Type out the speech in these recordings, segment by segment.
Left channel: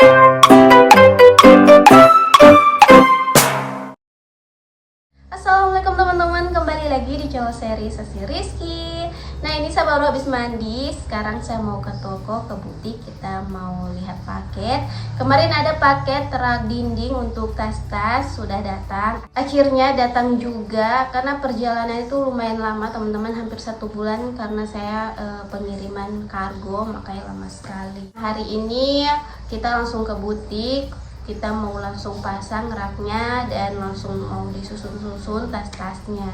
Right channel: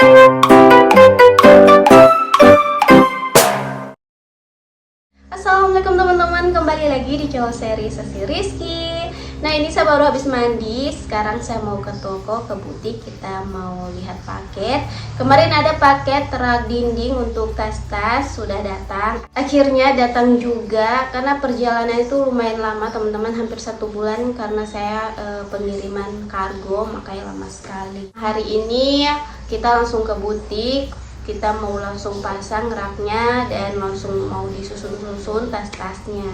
Assalamualaikum teman-teman, kembali lagi di channel Sesi Rizky. Nah, ini saya baru habis mandi. Sekarang saya mau ke toko, ke butik. Kita mau lihat paket. Kemarin ada paket rak dinding untuk tas-tas, sudah datang. Akhirnya datang juga, karena perjalanan itu lumayan lama teman-teman, hampir 1 bulan. Karena saya pengiriman kargo, makanya lama sekali. Hari ini kita langsung ke butik. Kita mau langsung pasang raknya dan langsung mau disusun-susun tas-tasnya.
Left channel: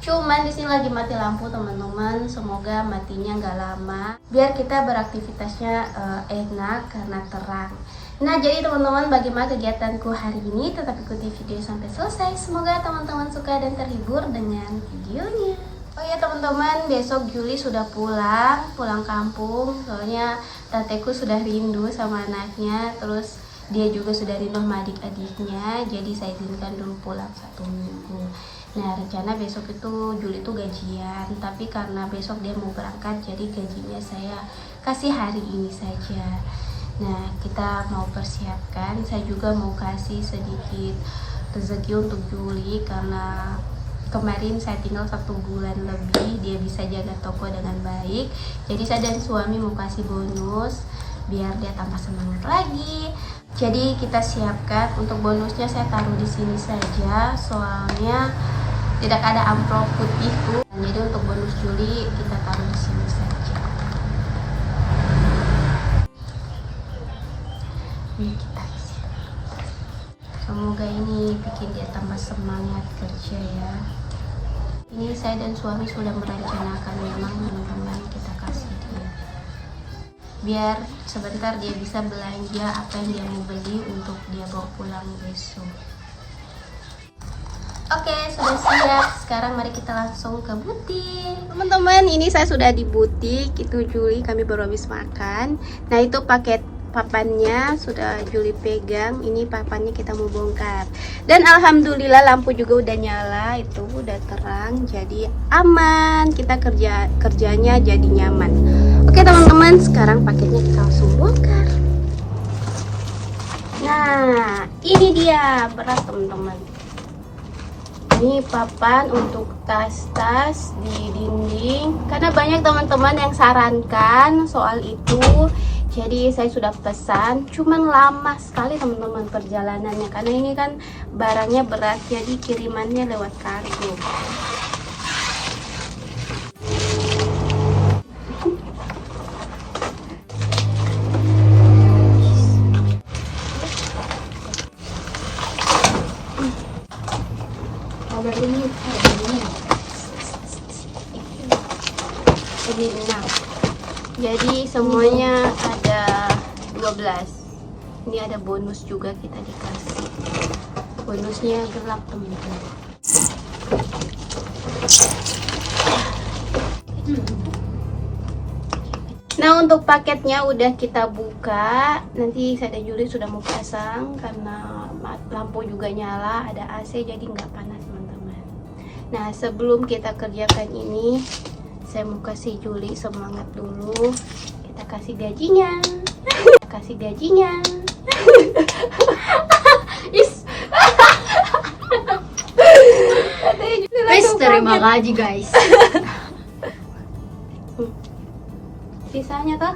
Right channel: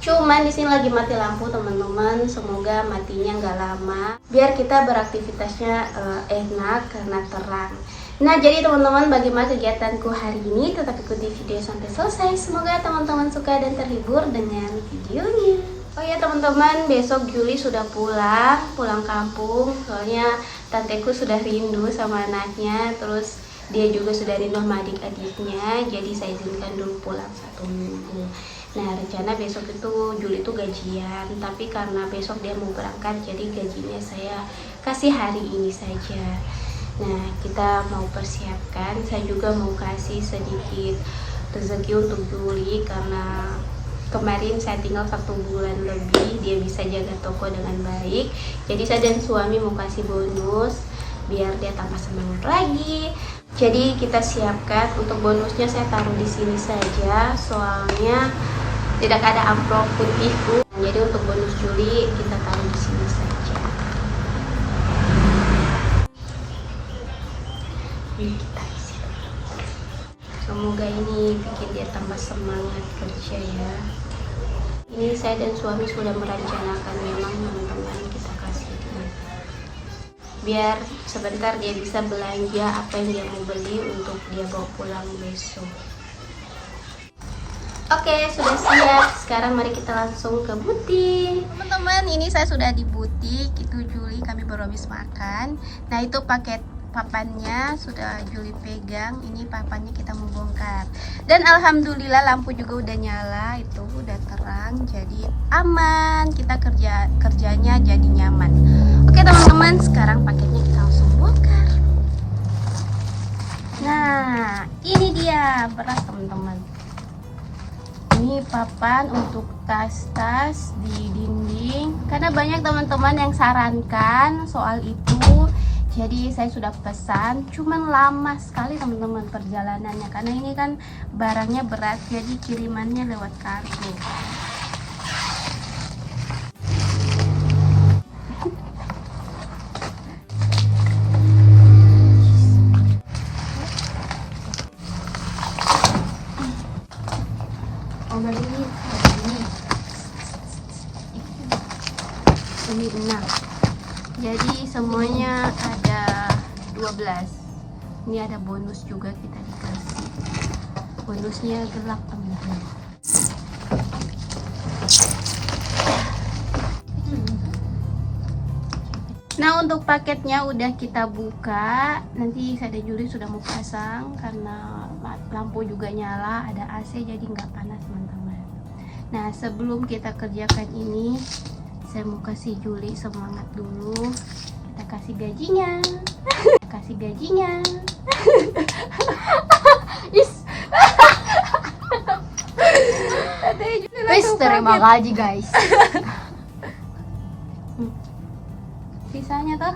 Cuman di sini lagi mati lampu teman-teman, semoga matinya nggak lama biar kita beraktivitasnya enak karena terang. Nah, jadi teman-teman, bagaimana kegiatanku hari ini? Tetap ikuti video sampai selesai. Semoga teman-teman suka dan terhibur dengan videonya. Oh ya teman-teman, besok Juli sudah pulang kampung. Soalnya tanteku sudah rindu sama anaknya, terus dia juga sudah rindu sama adik-adiknya. Jadi saya izinkan dulu pulang 1 minggu. Nah, rencana besok itu Juli itu gajian, tapi karena besok dia mau berangkat, jadi gajinya saya kasih hari ini saja. Nah, kita mau persiapkan, saya juga mau kasih sedikit rezeki untuk Juli, karena kemarin saya tinggal 1 bulan lebih, dia bisa jaga toko dengan baik. Jadi saya dan suami mau kasih bonus biar dia tambah semangat lagi. Jadi kita siapkan untuk bonusnya, saya taruh di sini saja, soalnya tidak ada amplop putihku. Jadi untuk bonus Juli kita taruh di sini saja. Ini kita isi. Semoga ini bikin dia tambah semangat kerja ya. Ini saya dan suami sudah merencanakan, memang teman-teman, kita kasih dia biar sebentar dia bisa belanja apa yang dia mau beli untuk dia bawa pulang besok. Oke, sudah siap. Sekarang mari kita langsung ke butik. Teman-teman, ini saya sudah di butik. Itu Juli, kami baru habis makan. Nah, itu paket papannya sudah Juli pegang. Ini papannya kita mau bongkar. Dan alhamdulillah lampu juga udah nyala, itu udah terang, jadi aman. Kita kerjanya jadi nyaman. Oke teman-teman, sekarang paketnya kita langsung bongkar. Nah, ini dia, berat teman-teman. Ini papan untuk tas-tas di dinding, karena banyak teman-teman yang sarankan soal itu. Jadi saya sudah pesan, cuman lama sekali teman-teman perjalanannya, karena ini kan barangnya berat, jadi kirimannya lewat kargo. Ini 6, jadi semuanya ada 12. Ini ada bonus juga, kita dikasih bonusnya gelap teman-teman. Nah, untuk paketnya udah kita buka. Nanti saya dan Juli sudah mau pasang, karena lampu juga nyala, ada AC, jadi nggak panas teman-teman. Nah, sebelum kita kerjakan ini, saya mau kasih Juli semangat dulu. Kita kasih gajinya. Kasih gajinya. Is. Guys, terima gaji guys. Sisanya toh.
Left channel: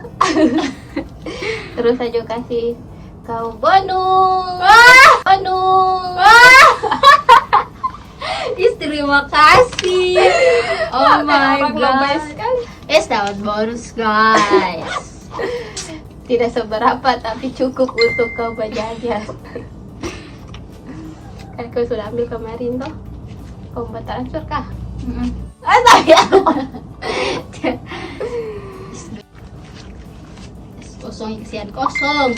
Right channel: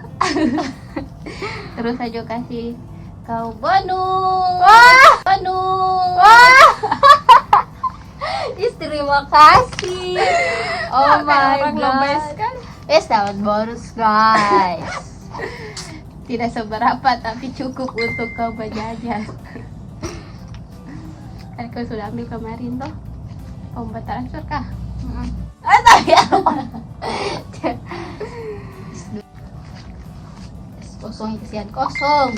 Terus aja kasih kau bonus. Bonus. Terima kasih. Oh my Orang lebay god. sekali. Dapat bonus guys. Tidak seberapa tapi cukup untuk kau berjajan. Kan kau sudah ambil kemarin toh. Kau buat transfer kah? Saya kosong, kesian kosong.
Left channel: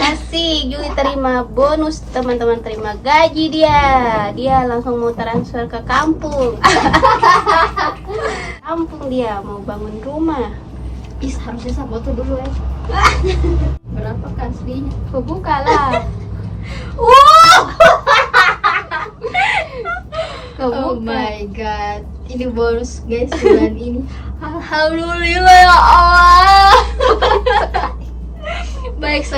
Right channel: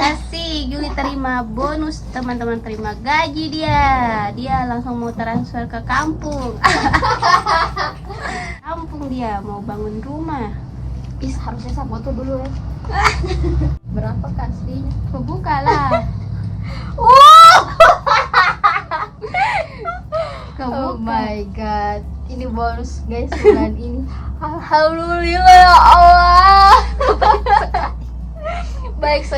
Kasih Juli terima bonus teman-teman, terima gaji dia langsung mau transfer ke kampung. Kampung dia mau bangun rumah. Harusnya saya foto dulu ya. Berapa kasihnya? Kau buka lah. Kau Oh buka. my god, ini bonus guys bulan ini. Alhamdulillah ya Allah.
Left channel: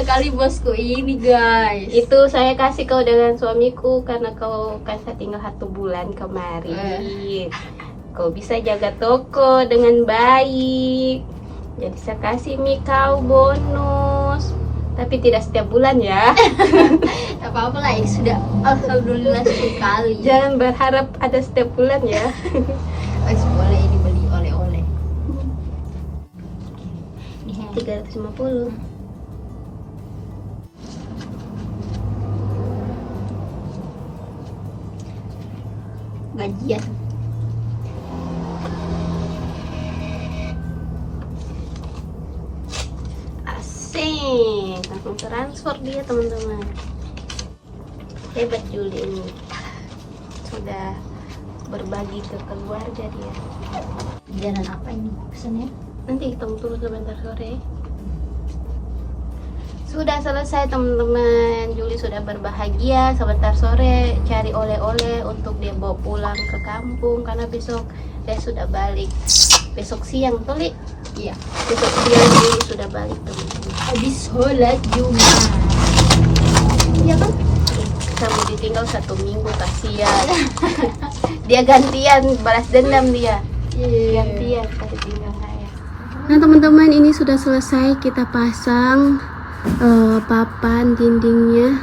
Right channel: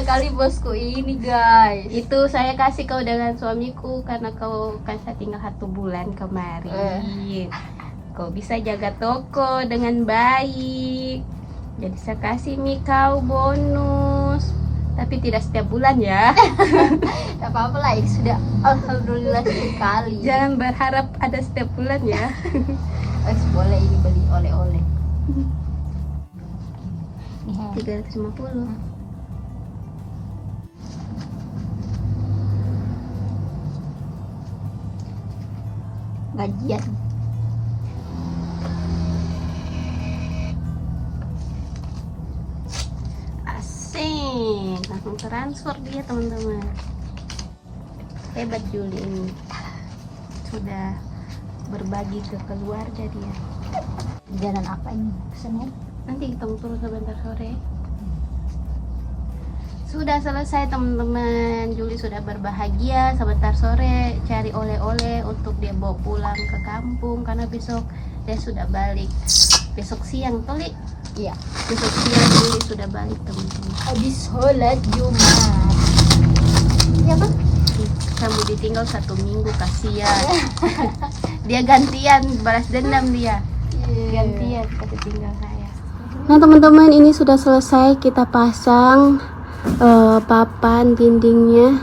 sekali bosku ini guys. Itu saya kasih kau dengan suamiku karena kau kasih tinggal 1 bulan kemarin. Kau bisa jaga toko dengan baik. Jadi saya kasih kau bonus. Tapi tidak setiap bulan ya. Tak apa-apa lah, ya sudah alhamdulillah sekali. Jangan berharap ada setiap bulan ya. Wes boleh ini beli oleh-oleh. 350. Gajian. Asik, langsung transfer dia teman-teman. Hebat Juli ini, sudah berbagi ke keluarga dia. Jalan apa ini pesannya? Nanti kita turun sebentar sore. Sudah selesai teman-teman. Juli sudah berbahagia. Sebentar sore cari oleh-oleh untuk dia bawa pulang ke kampung karena besok dia sudah balik. Besok siang tuh, Li. Iya. Besok siang Juli sudah balik teman-teman. Habis sholat Jumat. Iya kan? Saya mau ditinggal 1 minggu, kasihan. Dia gantian balas dendam dia. Gantian kasih tinggal saya. Nah teman-teman, ini sudah selesai kita pasang papan dindingnya.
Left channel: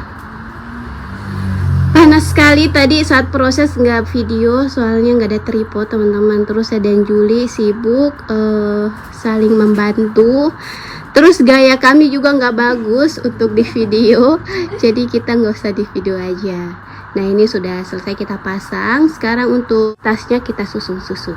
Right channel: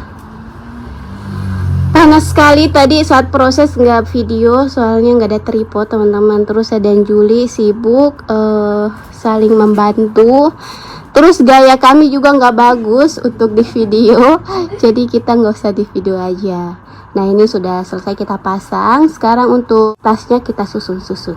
Panas sekali tadi saat proses, nggak video soalnya nggak ada tripod teman-teman. Terus saya dan Juli sibuk saling membantu. Terus gaya kami juga nggak bagus untuk di video, jadi kita nggak usah di video aja. Nah ini sudah selesai kita pasang. Sekarang untuk tasnya kita susun-susun.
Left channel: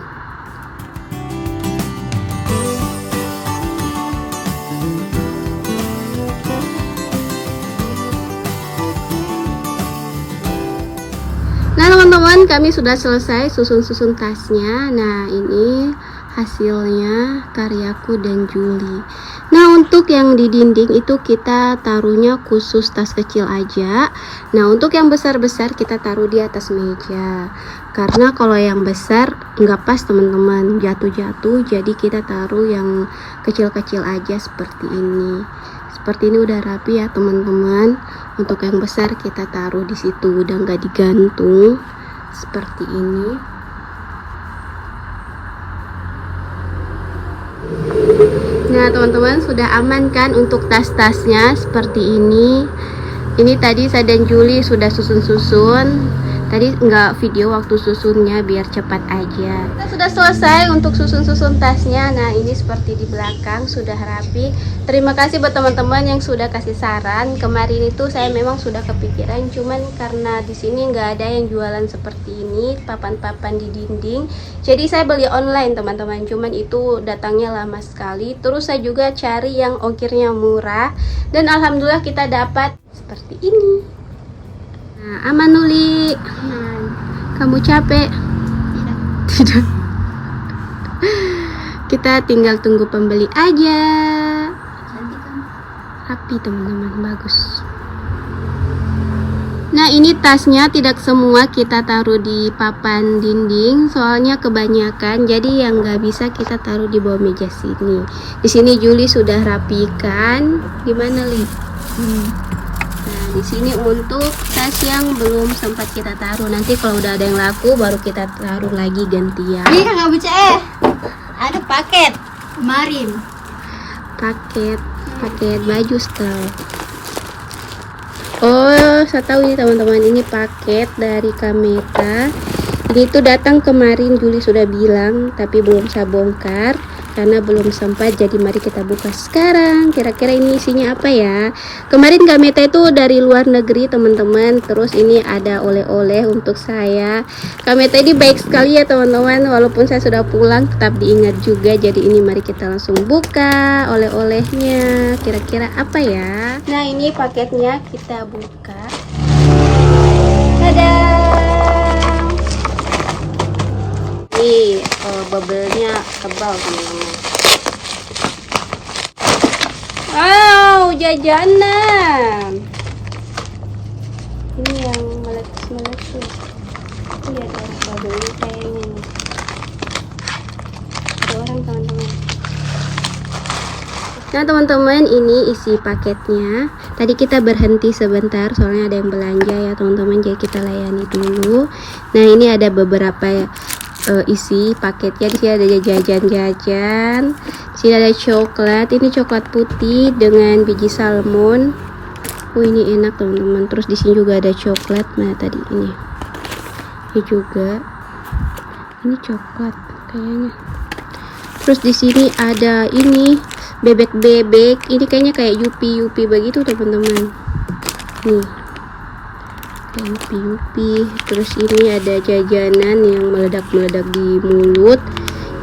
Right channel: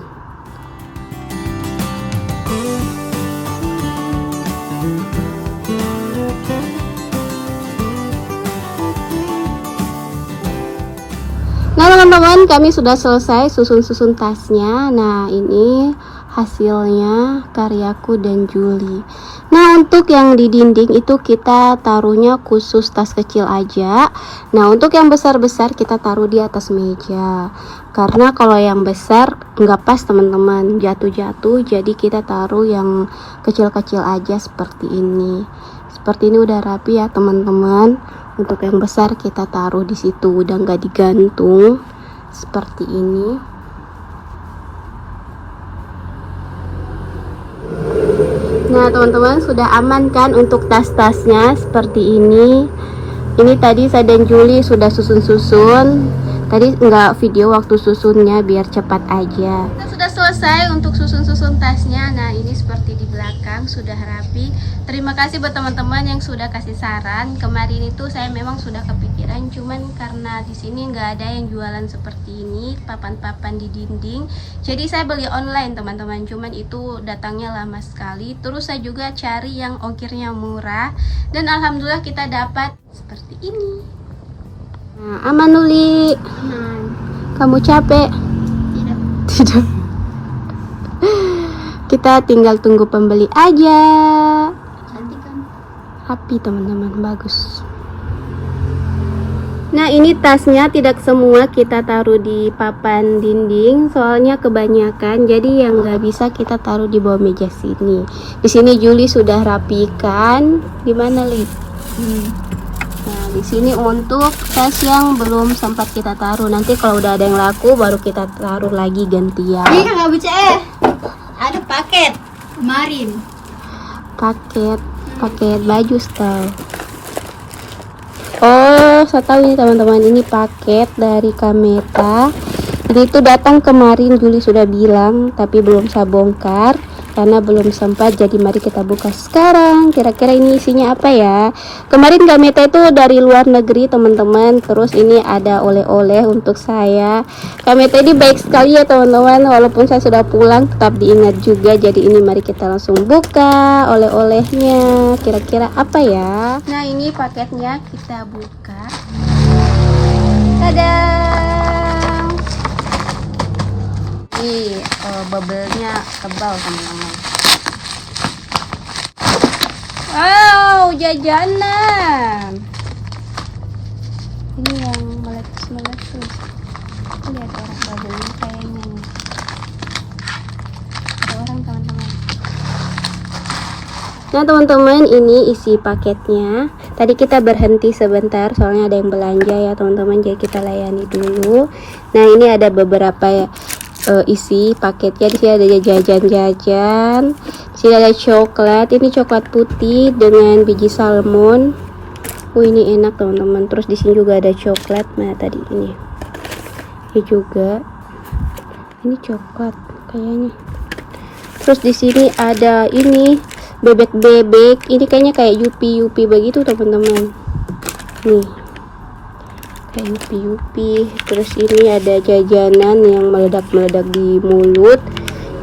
Nah teman-teman, kami sudah selesai susun-susun tasnya. Nah ini hasilnya karyaku dan Juli. Nah untuk yang di dinding itu kita taruhnya khusus tas kecil aja. Nah untuk yang besar-besar kita taruh di atas meja. Karena kalau yang besar nggak pas teman-teman, jatuh-jatuh. Jadi kita taruh yang kecil-kecil aja seperti ini. Seperti ini udah rapi ya teman-teman. Untuk yang besar kita taruh di situ, udah nggak digantung seperti ini. Nah teman-teman, sudah aman kan untuk tas-tasnya seperti ini. Ini tadi saya dan Juli sudah susun-susun. Tadi nggak video waktu susunnya biar cepat aja. Kita sudah selesai untuk susun-susun tasnya. Nah ini seperti di belakang sudah rapi. Terima kasih buat teman-teman yang sudah kasih saran. Kemarin itu saya memang sudah kepikiran, cuman karena di sini nggak ada yang jualan seperti ini, papan-papan di dinding. Jadi saya beli online teman-teman. Cuman itu datangnya lama sekali. Terus saya juga cari yang ongkirnya murah. Dan alhamdulillah kita dapat seperti ini. Nah, aman Nuli. Aman. Kamu capek? Tidak. Tidak. Kita tinggal tunggu pembeli aja. Cantik kan? Rapi teman-teman, bagus. Nah ini tasnya tidak semua kita taruh di papan dinding, soalnya kebanyakan. Jadi yang nggak bisa kita taruh di bawah meja sini. Di sini Juli sudah rapikan. Di mana Li? Nah di sini untuk tas yang belum sempat kita taruh. Nanti kalau udah ada yang laku baru kita taruh lagi gantian. Ini nggak bisa ada paket kemarin. Paket baju style. Oh, saya tahu ini teman-teman, ini paket dari Kameta. Ini tuh datang kemarin, Juli sudah bilang, tapi belum saya bongkar karena belum sempat. Jadi mari kita buka sekarang. Kira-kira ini isinya apa ya? Kemarin Kameta itu dari luar negeri teman-teman. Terus ini ada oleh-oleh untuk saya. Kameta ini baik sekali ya teman-teman. Walaupun saya sudah pulang, tetap diingat juga. Jadi ini mari kita langsung buka oleh-olehnya. Kira-kira apa ya? Nah ini paketnya kita buka. Tada! Ini bubble-nya tebal teman-teman. Wow, jajanan. Ini yang meletus-meletus. Ini ada orang bubble-nya kayaknya nih. Ada orang teman-teman. Nah teman-teman, ini isi paketnya. Tadi kita berhenti sebentar soalnya ada yang belanja ya teman-teman, jadi kita layani dulu. Nah ini ada beberapa isi paketnya. Di sini ada jajan-jajan. Di sini ada coklat. Ini coklat putih dengan biji salmon. Oh ini enak teman-teman. Terus di sini juga ada coklat. Nah tadi ini juga. Ini coklat kayaknya. Terus di sini ada ini bebek-bebek. Ini kayaknya kayak yupi-yupi begitu teman-teman. Nih. Kayak yupi-yupi. Terus ini ada jajanan yang meledak-meledak di mulut.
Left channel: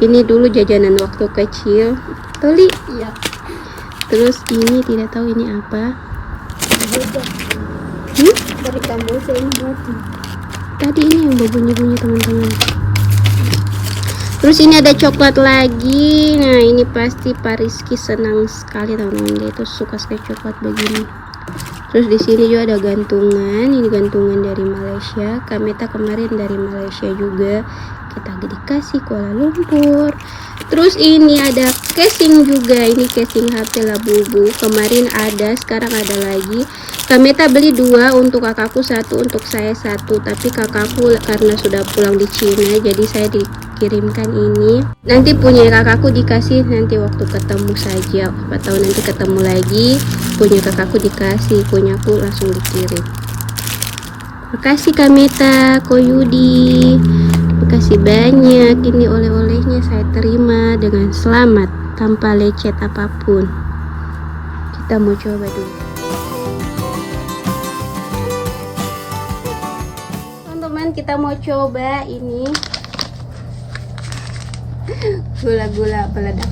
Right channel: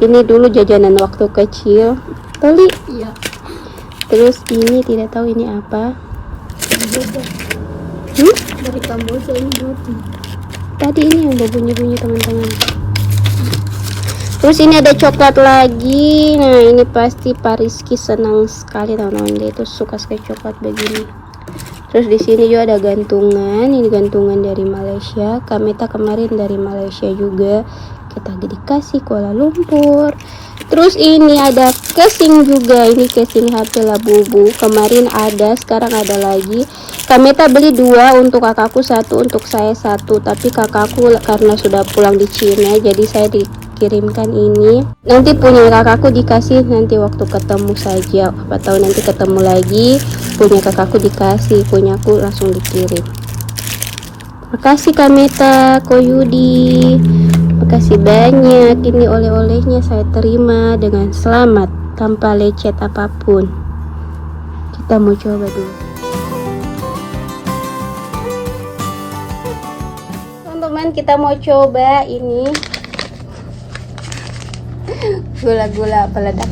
Ini dulu jajanan waktu kecil. Beli. Iya. Terus ini tidak tahu ini apa. Dari Kamboja ini berarti. Tadi ini yang berbunyi-bunyi teman-teman. Terus ini ada coklat lagi. Nah ini pasti Pak Rizky senang sekali teman-teman, dia itu suka sekali coklat begini. Terus di sini juga ada gantungan. Ini gantungan dari Malaysia. Kameta kemarin dari Malaysia juga. Kita dikasih Kuala Lumpur. Terus ini ada casing juga. Ini casing HP Labubu. Kemarin ada, sekarang ada lagi. Kameta beli 2, untuk kakakku 1, untuk saya 1. Tapi kakakku karena sudah pulang di Cina, jadi saya dikirimkan ini. Nanti punya kakakku dikasih nanti waktu ketemu saja. Apa tahu nanti ketemu lagi, punya kakakku dikasih, punya aku langsung dikirim. Makasih Kameta, Koyudi. Makasih banyak. Ini oleh-olehnya saya terima dengan selamat tanpa lecet apapun. Kita mau coba dulu. Teman-teman, kita mau coba ini gula-gula meledak.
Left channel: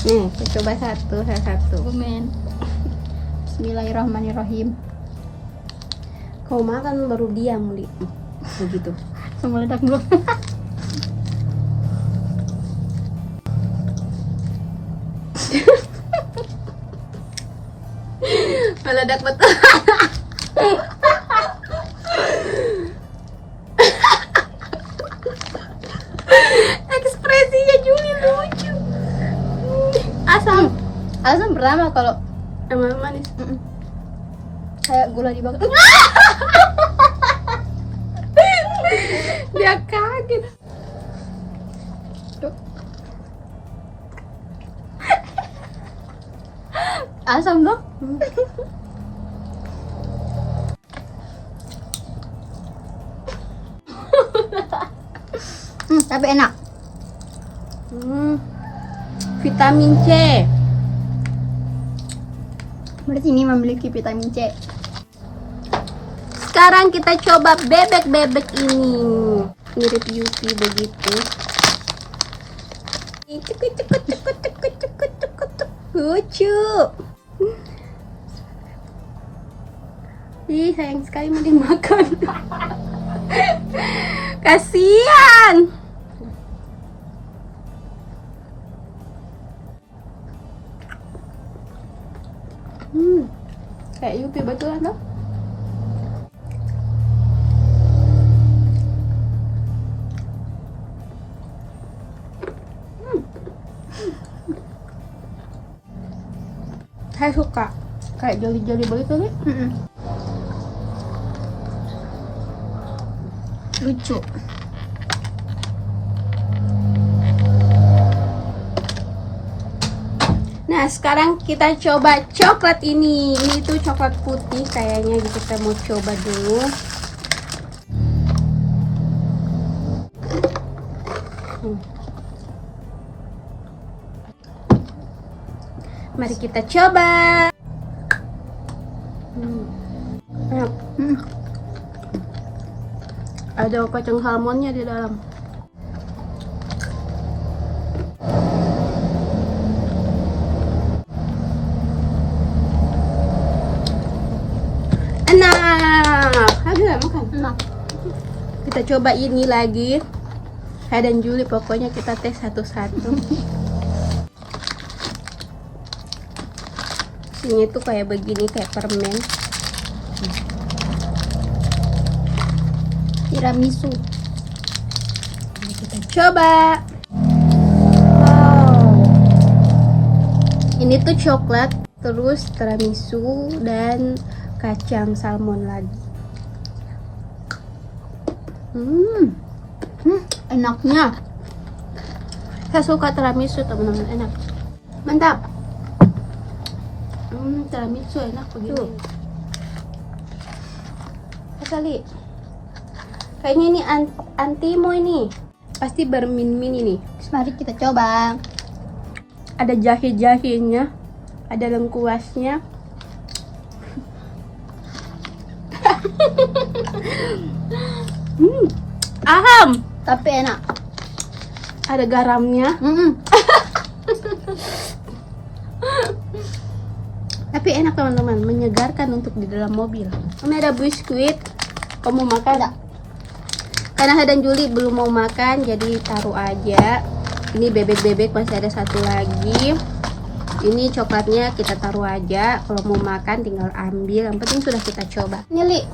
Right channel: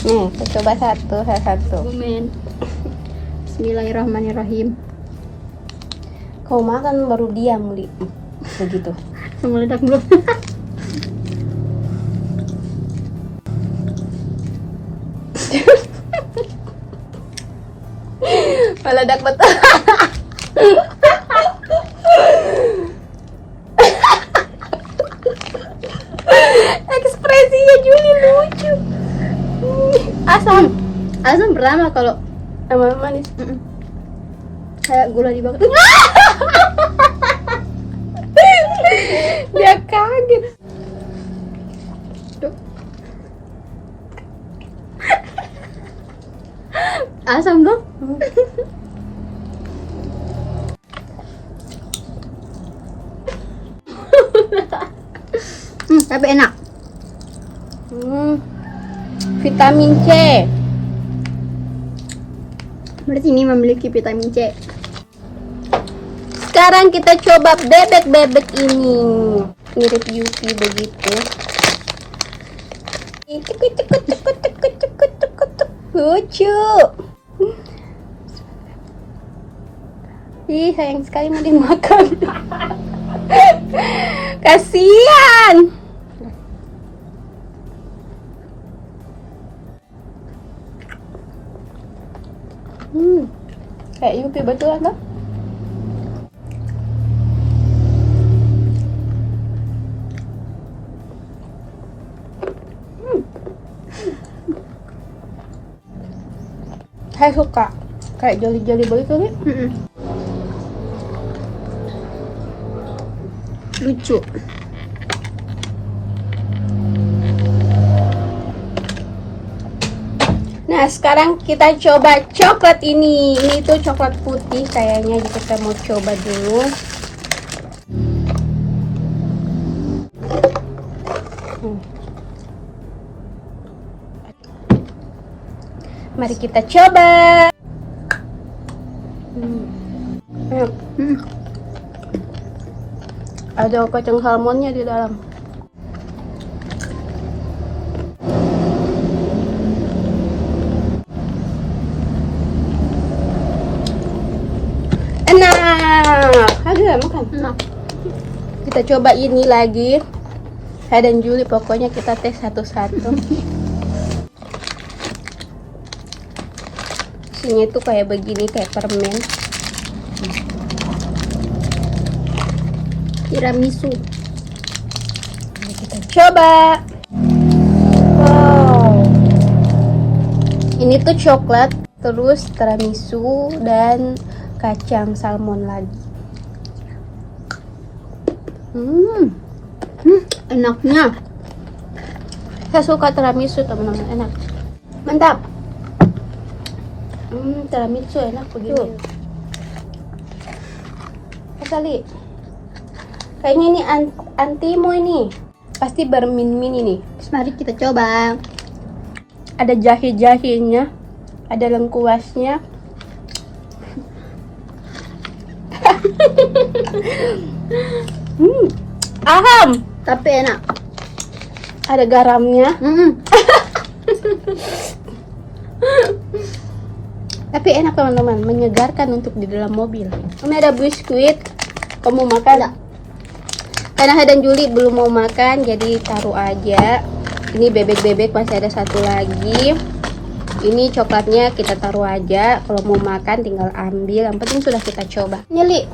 Nih, kita coba satu. Amin. Bismillahirrahmanirrahim. Kau makan baru dia muli begitu. Meledak dulu. Meledak betul. Ekspresinya Juli lucu. Asam pertama kalau Sama manis. kayak gula dibakar. Dia kaget. Asam dong. Tapi enak. Vitamin C. Berarti ini memiliki vitamin C. Sekarang kita coba bebek-bebek ini. Mirip Yupi begitu. Lucu. Ih, sayang sekali mau dimakan. Kasihan. Kayak Yupi betulan loh. Saya suka kayak joli-joli begitu nih. Lucu. Nah sekarang kita coba coklat ini. Ini tuh coklat putih kayaknya, jadi kita mau coba dulu. Mari kita coba. Ada kacang salmonnya di dalam. Enak. Ada makan. Enak. Kita coba ini lagi. Saya dan Juli pokoknya kita tes satu-satu. Isinya tuh kayak begini, kayak permen. Tiramisu. Ini kita Coba. Wow. Ini tuh coklat, terus tiramisu dan kacang salmon lagi. Enaknya. Saya suka tiramisu teman-teman, enak. Mantap. Tiramisu enak begini. Kali. Kayaknya ini antimo ini. Pasti bermin-min ini. Mari kita coba. Ada jahe-jahenya, ada lengkuasnya. Aham. Tapi enak. Ada garamnya. Tapi enak teman-teman, menyegarkan untuk di dalam mobil. Ini ada biskuit. Kamu makan? Enggak. Karena Hadan Juli belum mau makan, jadi taruh aja. Ini bebek-bebek masih ada satu lagi. Ini coklatnya kita taruh aja. Kalau mau makan tinggal ambil. Yang penting sudah kita coba. Nyeli,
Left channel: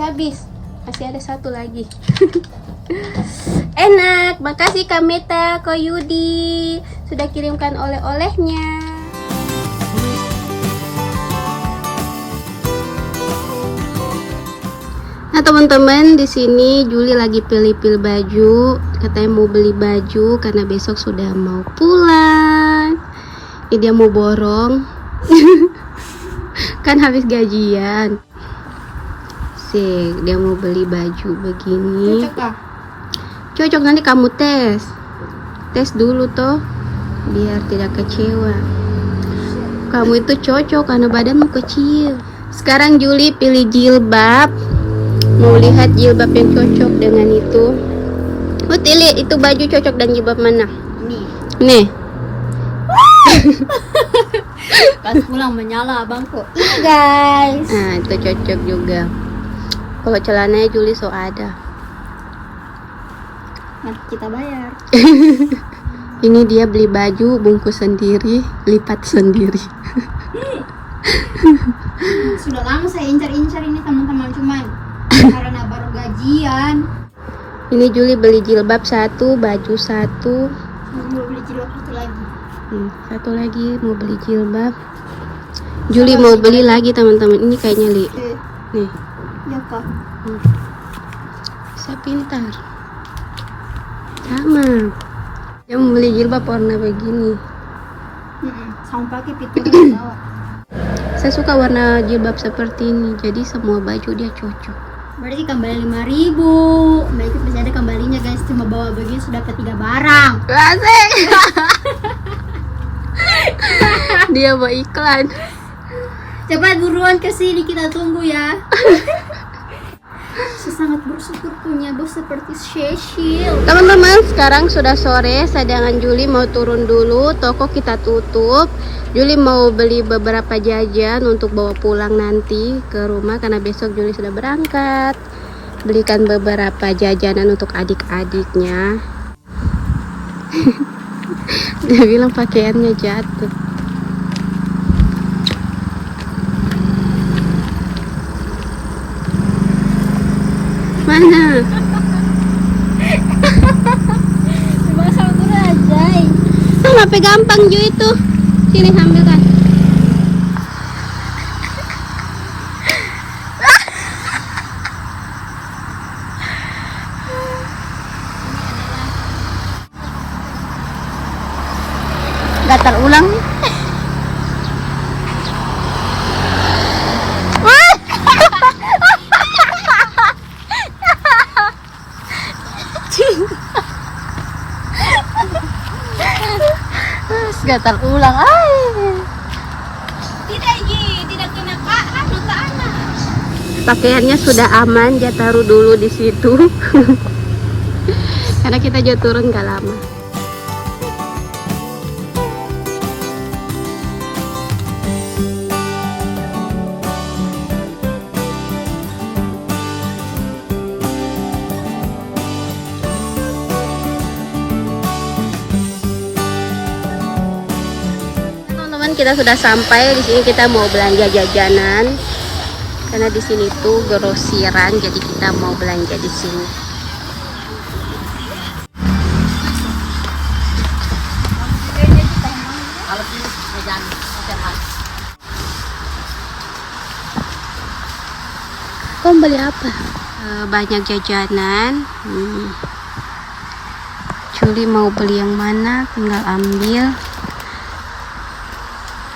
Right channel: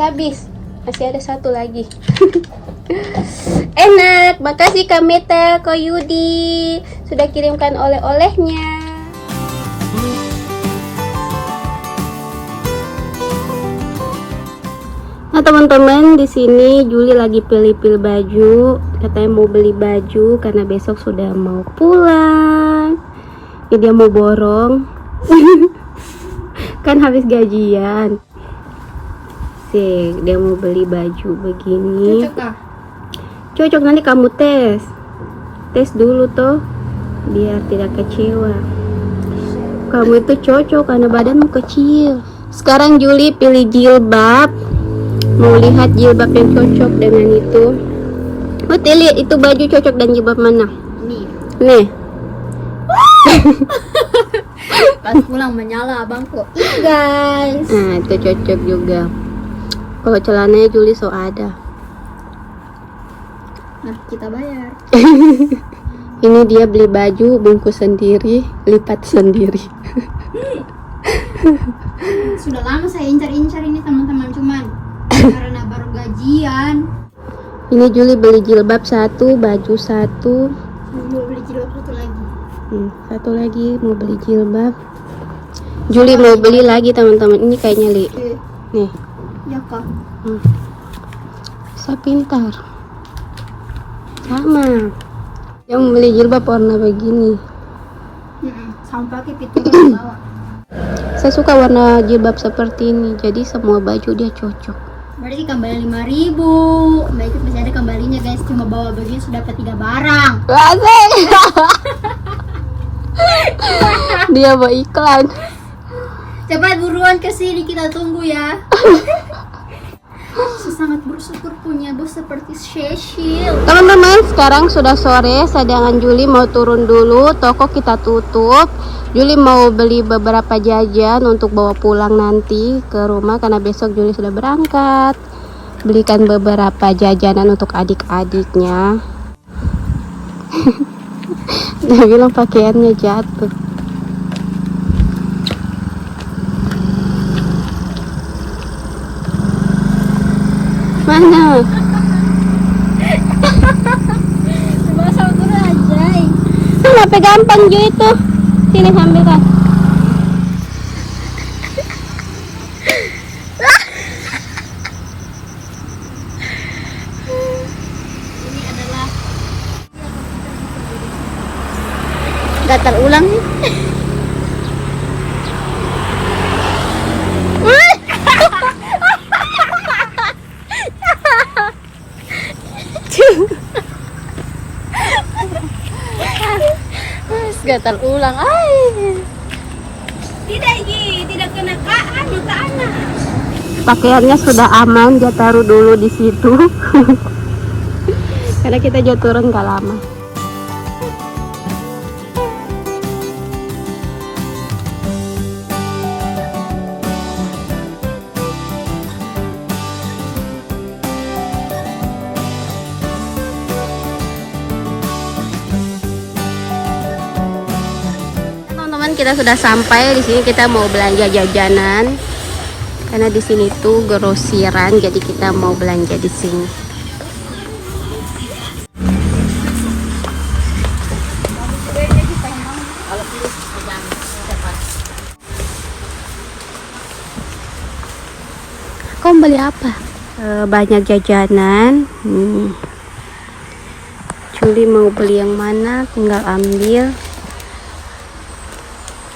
habis. Masih ada satu lagi. Enak. Makasih Kak Meta, Ko Yudi sudah kirimkan oleh-olehnya. Nah teman-teman, di sini Juli lagi pilih-pilih baju. Katanya mau beli baju karena besok sudah mau pulang. Ya dia mau borong. Kan habis gajian. Sih, dia mau beli baju begini. Cocok kah? Cocok, nanti kamu tes. Tes dulu toh, biar tidak kecewa. Kamu itu cocok karena badanmu kecil. Sekarang Juli pilih jilbab. Mau lihat jilbab yang cocok dengan itu. Putih, lihat itu baju cocok dan jilbab mana? Nih. Pas pulang menyala abangku. Ini guys. Nah, itu cocok juga. Kalau celananya Juli so ada. Nah, kita bayar. Ini dia beli baju, bungkus sendiri, lipat sendiri. Sudah lama saya incar-incar ini teman-teman, cuman karena baru gajian. Ini Juli beli jilbab satu, baju satu. Mau beli jilbab satu lagi. Satu lagi mau beli jilbab. Juli mau beli lagi teman-teman. Ini kayaknya Li. Nih. Ya kak. Saya pintar. Sama. Dia mau beli jilbab warna begini. Sama pakai pituran bawah. Saya suka warna jilbab seperti ini. Jadi semua baju dia cocok. Berarti kembali 5.000. Baik, masih ada kembalinya guys. Cuma bawa begini sudah dapat 3 barang. Asik. Dia mau iklan. Cepat buruan ke sini, kita tunggu ya. Saya sangat bersyukur punya bos seperti Cecil. Teman-teman, sekarang sudah sore. Sedangkan Juli mau turun dulu. Toko kita tutup. Juli mau beli beberapa jajan untuk bawa pulang nanti ke rumah karena besok Juli sudah berangkat. Belikan beberapa jajanan untuk adik-adiknya. Dia bilang pakaiannya jatuh. Mana? Coba sama turun aja. Kenapa gampang Jo itu? Sini ambilkan. Ini adalah Gatal ulang nih. Gatal ulang. tidak kena tanah. Pakaiannya sudah aman, dia taruh dulu di situ. Karena kita jauh turun gak lama. Kita sudah sampai di sini, kita mau belanja jajanan karena di sini tuh grosiran, jadi kita mau belanja di sini. Kamu beli apa? Banyak jajanan. Juli mau beli yang mana tinggal ambil.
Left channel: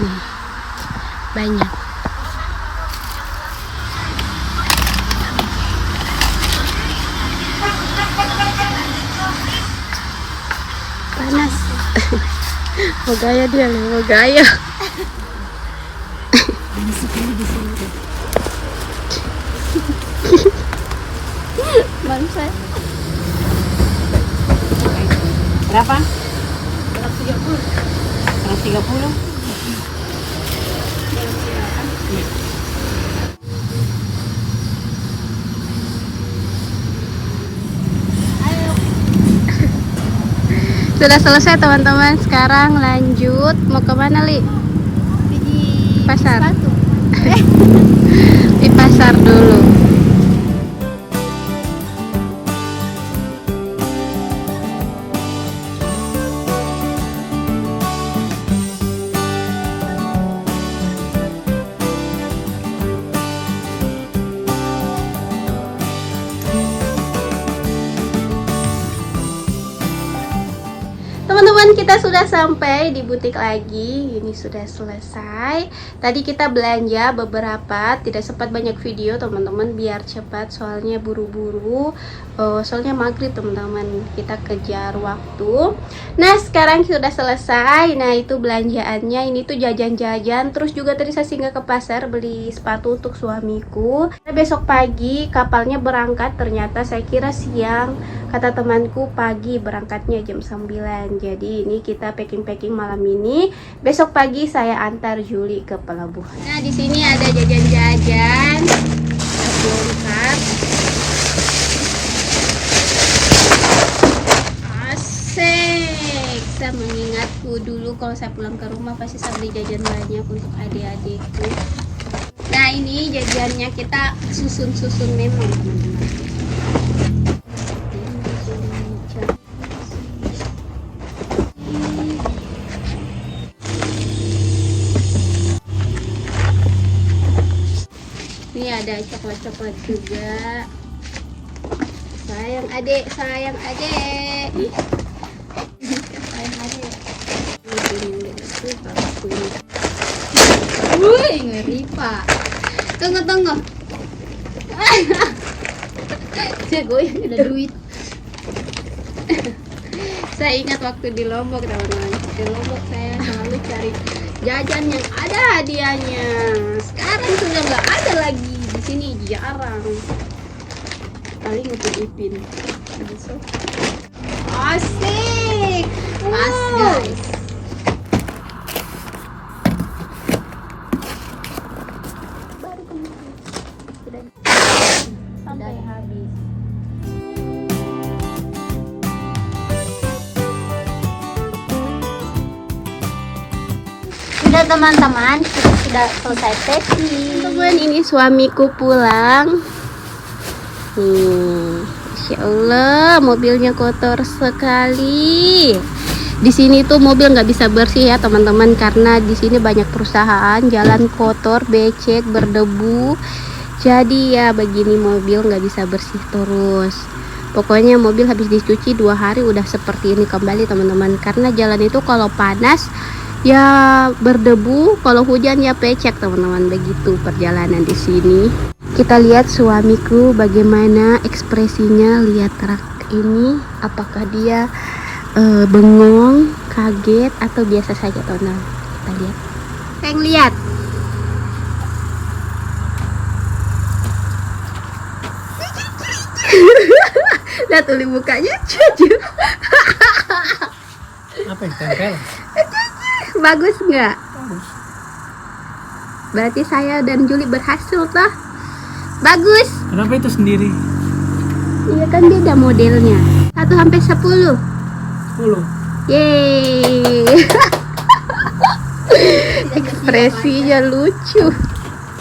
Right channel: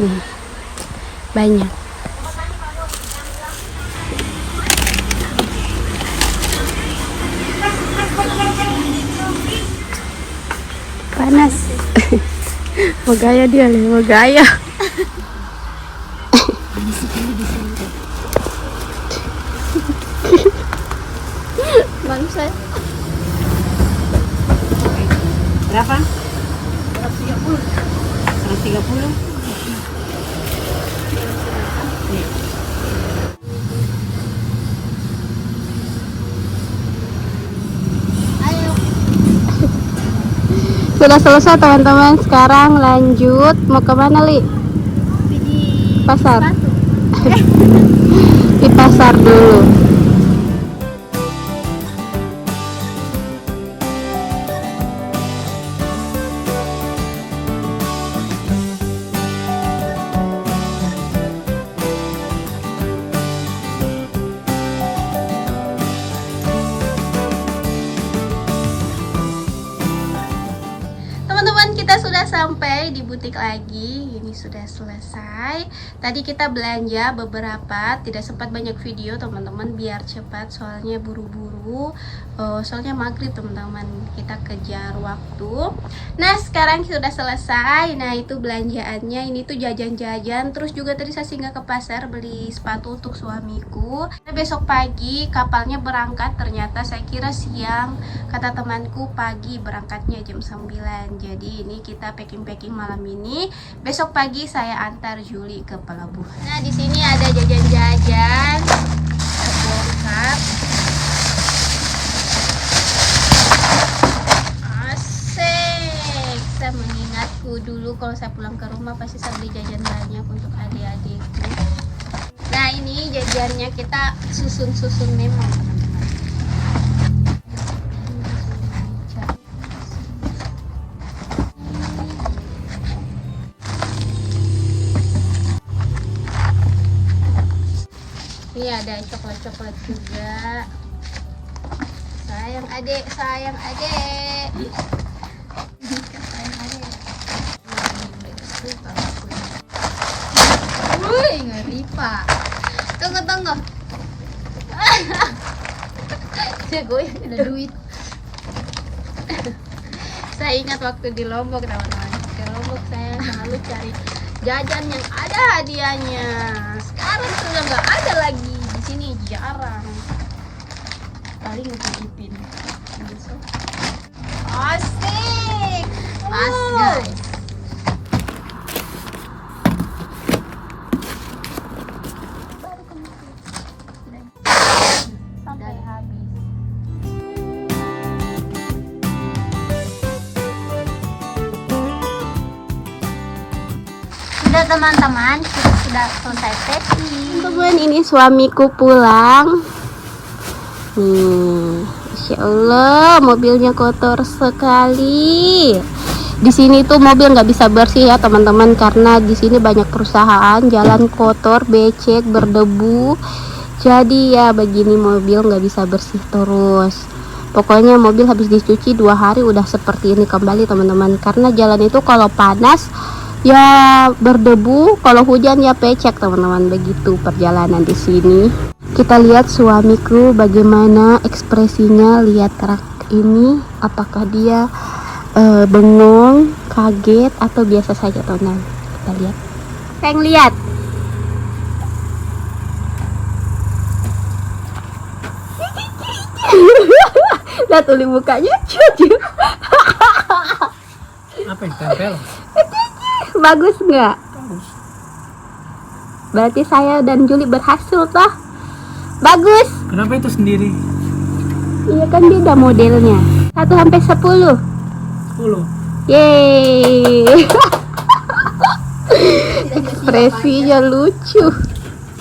Nih, banyak. Panas. Mau gaya dia, mau gaya. Bangsa. Berapa? 130. Sudah selesai teman-teman. Sekarang lanjut mau ke mana, Li? Di Pasar. sepatu. Di pasar dulu. Teman-teman, kita sudah sampai di butik lagi. Ini sudah selesai. Tadi kita belanja beberapa, tidak sempat banyak video teman-teman, biar cepat soalnya buru-buru. Soalnya maghrib teman-teman, kita kejar waktu. Nah, sekarang sudah selesai. Nah, itu belanjaannya. Ini tuh jajan-jajan. Terus juga tadi saya singgah ke pasar beli sepatu untuk suamiku. Nah, besok pagi kapalnya berangkat. Ternyata saya kira siang, kata temanku pagi, berangkatnya jam 9. Jadi ini kita packing-packing malam ini. Besok pagi saya antar Juli ke pelabuhan. Nah, di sini ada jajan-jajan lengkap. Asik. Saya mengingatku dulu kalau saya pulang ke rumah pasti saya beli jajan banyak untuk adik-adikku. Nah, ini jajannya kita susun-susun memang teman-teman. Ini ada coklat-coklat juga. Sayang adik, sayang adik. Sayang adik. Wih, ngeri Pak. Tunggu. Jagoin ada duit. Saya ingat waktu di Lombok teman-teman. Di Lombok saya selalu cari jajan yang ada hadiahnya. Sekarang sudah nggak ada lagi, di sini jarang. Paling ngupin-upin. Asik, pas guys. Sampai habis. Sudah teman-teman, sudah selesai packing. Teman, ini suamiku pulang. Masya Allah, mobilnya kotor sekali. Di sini tuh mobil nggak bisa bersih ya teman-teman, karena di sini banyak perusahaan, jalan kotor, becek, berdebu. Jadi ya begini, mobil nggak bisa bersih terus. Pokoknya mobil habis dicuci 2 hari udah seperti ini kembali teman-teman, karena jalan itu kalau panas ya berdebu, kalau hujan ya pecek teman-teman. Begitu perjalanan di sini. Kita lihat suamiku bagaimana ekspresinya lihat truk ini, apakah dia bengong, kaget atau biasa saja teman-teman. Kita lihat. Saya lihat. Lihat uli mukanya cucu. Apa yang tempel? Bagus nggak? Bagus. Berarti saya dan Juli berhasil toh. Bagus. Kenapa itu sendiri? Iya kan beda modelnya. 1 sampai 10. 10. Yeay. Ekspresinya lucu.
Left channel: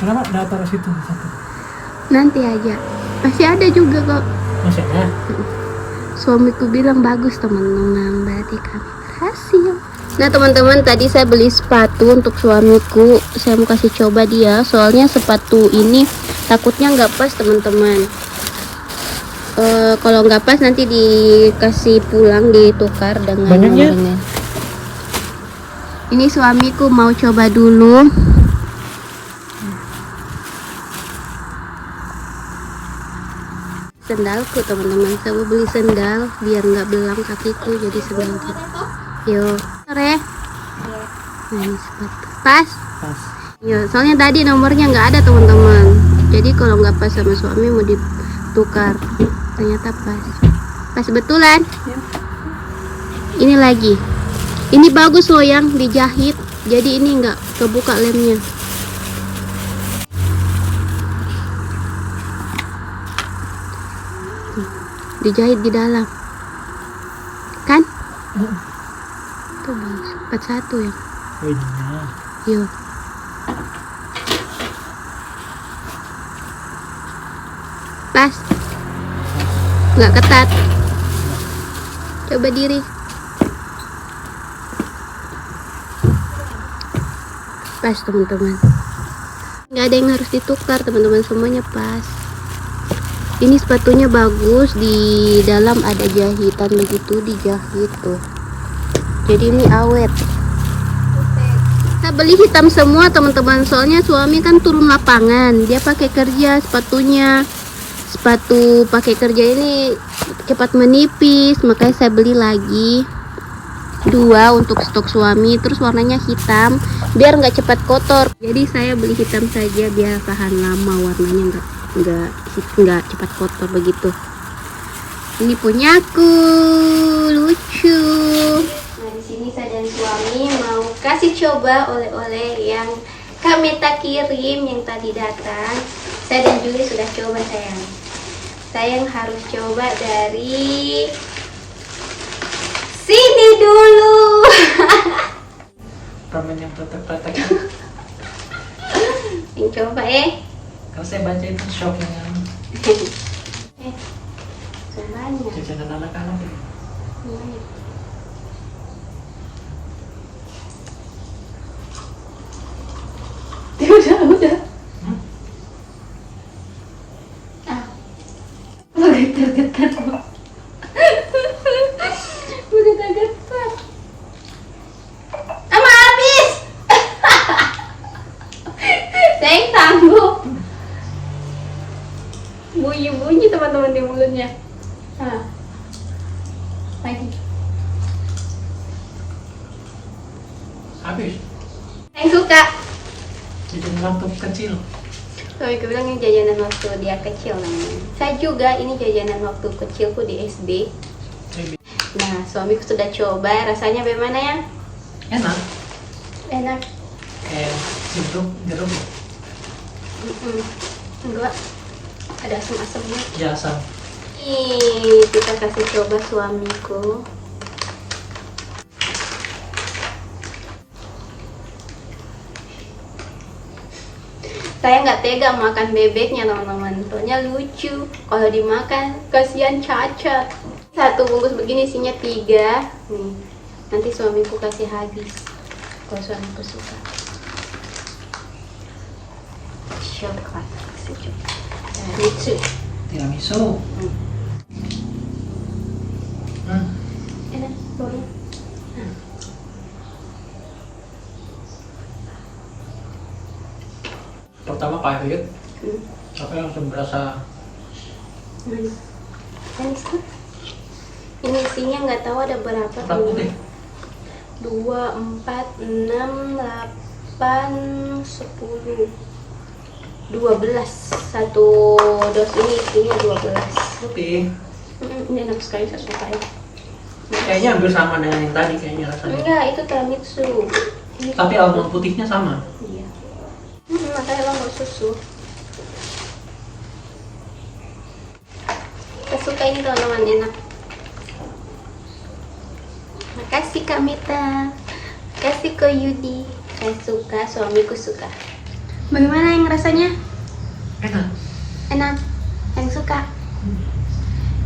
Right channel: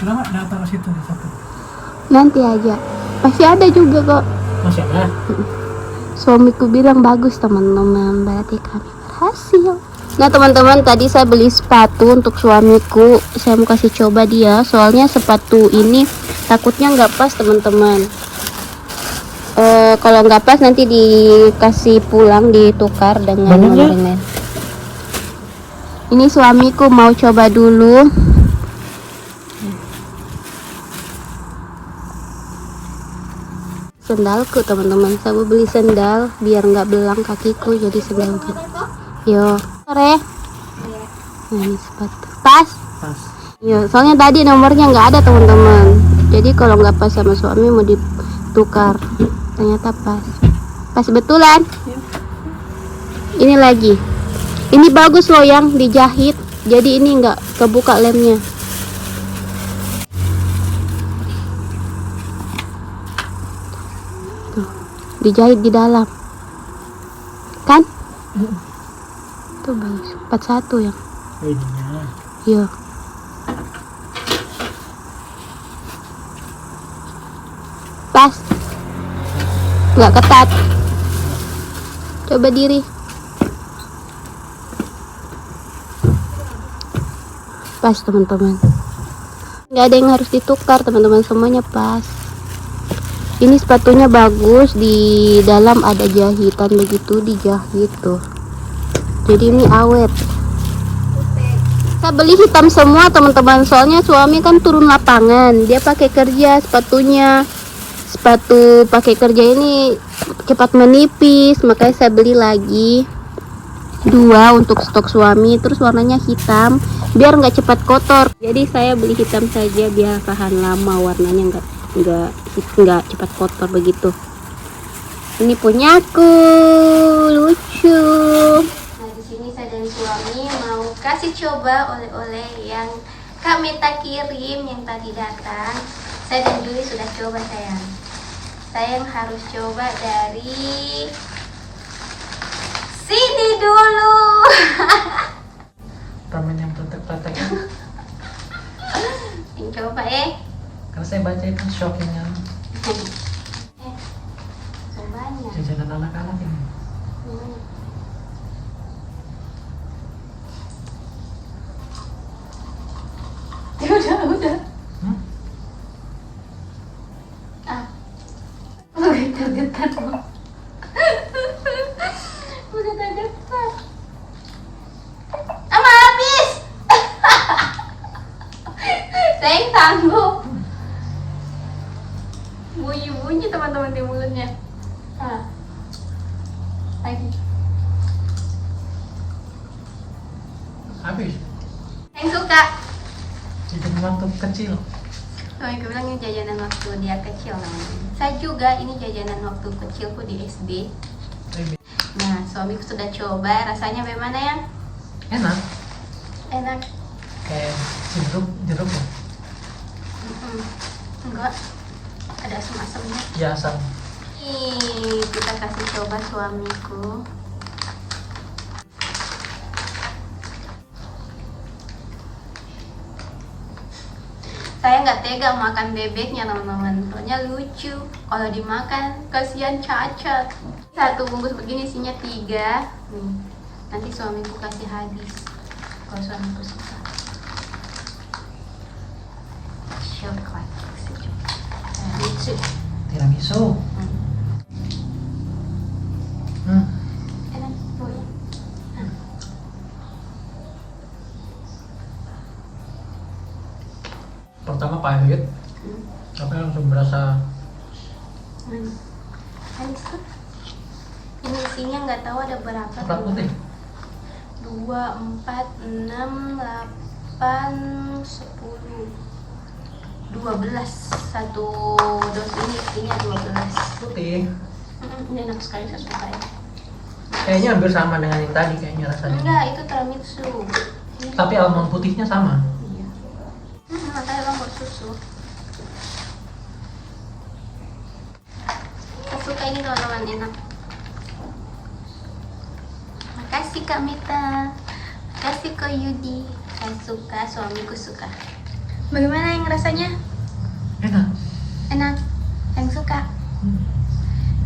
Kenapa nggak taruh situ satu? Nanti aja. Masih ada juga kok. Masih ada? Suamiku bilang bagus teman-teman. Berarti kan berhasil. Nah teman-teman, tadi saya beli sepatu untuk suamiku. Saya mau kasih coba dia, soalnya sepatu ini takutnya nggak pas teman-teman. Kalau nggak pas nanti dikasih pulang, ditukar dengan nomor yang lain. Ini suamiku mau coba dulu. Sendalku teman-teman, saya mau beli sendal biar nggak belang kakiku, jadi sendalku. Yo, sore. Ini sepatu. Pas. Pas. Yo, soalnya tadi nomornya nggak ada teman-teman. Jadi kalau nggak pas sama suami mau ditukar. Ternyata pas. Pas betulan. Ini lagi. Ini bagus loh yang dijahit. Jadi ini nggak kebuka lemnya. Dijahit di dalam. Kan? Tuh bagus. 41 ya. Wajahnya. Yo. Pas. Nggak ketat. Coba diri. Pas teman-teman. Nggak ada yang harus ditukar teman-teman, semuanya pas. Ini sepatunya bagus, di dalam ada jahitan begitu, dijahit tuh. Jadi ini awet. Kita beli hitam semua teman-teman, soalnya suami kan turun lapangan, dia pakai kerja sepatunya. Sepatu pakai kerja ini cepat menipis, makanya saya beli lagi 2 untuk stok suami, terus warnanya hitam biar nggak cepat kotor. Jadi saya beli hitam saja biar tahan lama, warnanya nggak cepat kotor begitu. Ini punyaku, lucu. Nah di sini saya dan suami mau kasih coba oleh-oleh yang Kak Meta kirim yang tadi datang. Saya dan Juli sudah coba sayang. Sayang harus coba dari sini dulu. Permen yang kotak-kotak. Yang coba ya. Kalau saya baca itu shock yang Semuanya. jajanan anak-anak ini. Udah. Getar-getar. Getar-getar. Ama habis. Saya yang sanggup. Bunyi-bunyi teman-teman di mulutnya. Lagi. Habis. Yang suka. Itu waktu kecil. Suamiku bilang ini jajanan waktu dia kecil namanya. Saya juga, ini jajanan waktu kecilku di SD. Nah, suamiku sudah coba, rasanya bagaimana ya? Enak. Enak. Kayak jeruk. Enggak, ada asam-asamnya. Ya asam. Nih, kita kasih coba suamiku. Saya nggak tega makan bebeknya teman-teman, soalnya lucu. Kalau dimakan, kasihan cacat. 1 bungkus begini isinya 3. Nih, nanti suamiku kasih habis. Kalau suamiku suka. Coklat, kasih coklat. Lucu. Tiramisu. Enak, baunya. Pertama pahit, tapi langsung berasa. Manis kan? Ini isinya nggak tahu ada berapa. Berapa deh? 2, 4, 6, 8, 10, 12. 1 dos ini isinya 12. Putih. Ini enak sekali, saya suka ya. Kayaknya hampir sama dengan yang tadi kayaknya rasanya. Enggak, itu tiramisu. Ini Tapi almond putihnya sama. iya. Makanya lo mau susu. Saya suka ini teman-teman, enak. Makasih Kak Mita. Makasih Ko Yudi. Saya suka, suamiku suka. Bagaimana yang rasanya? Enak. Enak. Yang suka.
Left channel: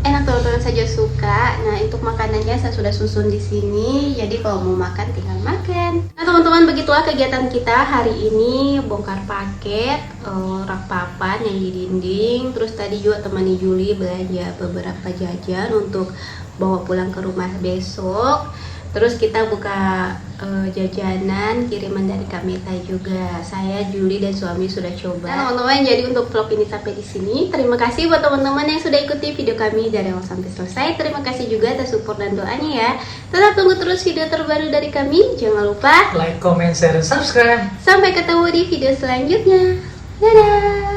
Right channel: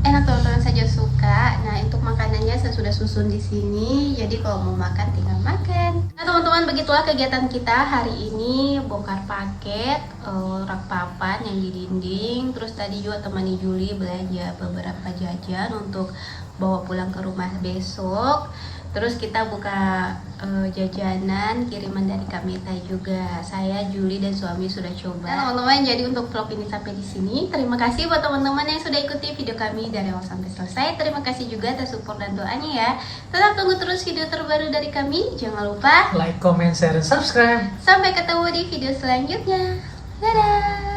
Enak teman-teman saja suka. Nah, untuk makanannya saya sudah susun di sini. Jadi kalau mau makan tinggal makan. Nah, teman-teman, begitulah kegiatan kita hari ini, bongkar paket, rak papan yang di dinding. Terus tadi juga temani Juli belanja beberapa jajan untuk bawa pulang ke rumah besok. Terus kita buka jajanan kiriman dari Kak Meta juga. Saya, Juli, dan suami sudah coba. Nah, teman-teman, jadi untuk vlog ini sampai di sini. Terima kasih buat teman-teman yang sudah ikuti video kami dari awal sampai selesai. Terima kasih juga atas support dan doanya ya. Tetap tunggu terus video terbaru dari kami. Jangan lupa like, comment, share, dan subscribe. sampai ketemu di video selanjutnya. Dadah.